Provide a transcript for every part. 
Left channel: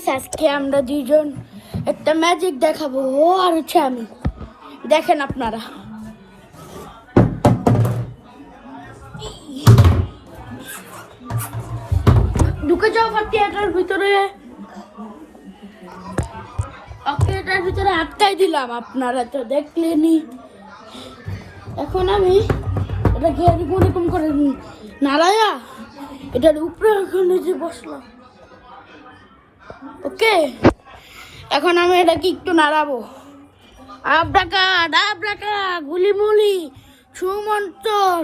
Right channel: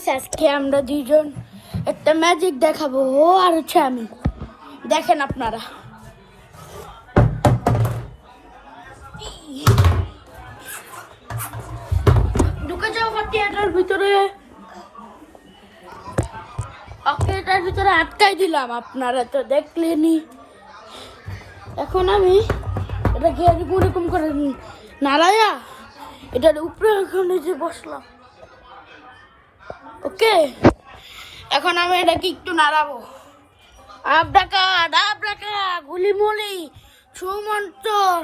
Guys, আজকে আমরা দুইজন একটা ম্যাজিক দেখাবো। ও আর হচ্ছে আমি, দেখেন আপনারা। ঢুকে যাও থিয়েটার ভিতরে। ওকে, এটার ভিতরে আটকাই দিলাম, আপনারা তো দেখলেনি। এখন আমি এটা গিয়ে এরকম করে নাড়ায়া এটার উপরে এখন নিচে বসলাম। ওকে, এখন আমি এটাকে একটু নাড়াবো। আব্রাকা গুলিমলি সুমন্তর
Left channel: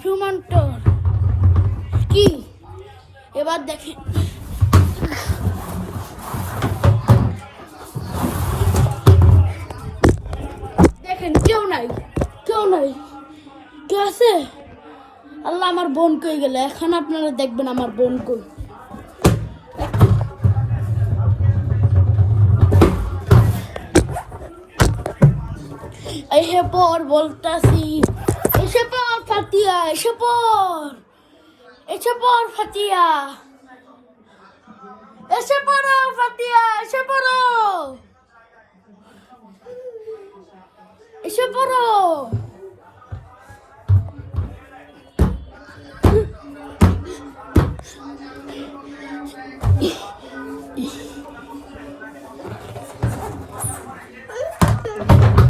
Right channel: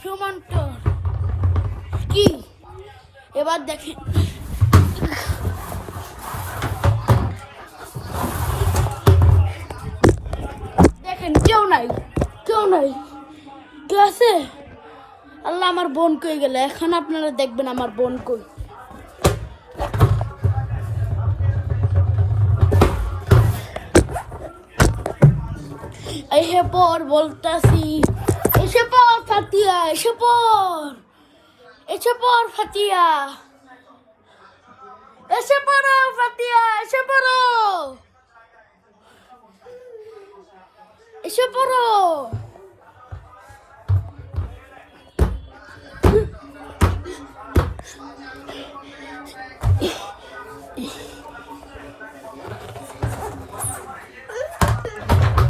সুমন্তর কি এবার দেখি। দেখেন, কেউ নাই কে আছে? আল্লাহ, আমার বোন কই গেল? এখন আপনারা দেখবেন আমার বোন কই। এসে পর বলতাছি, এসে পর ফাতিয়া, এসে পর ফাতিয়া, এসে পড়ো ফাতিয়া, এসে পড়ো।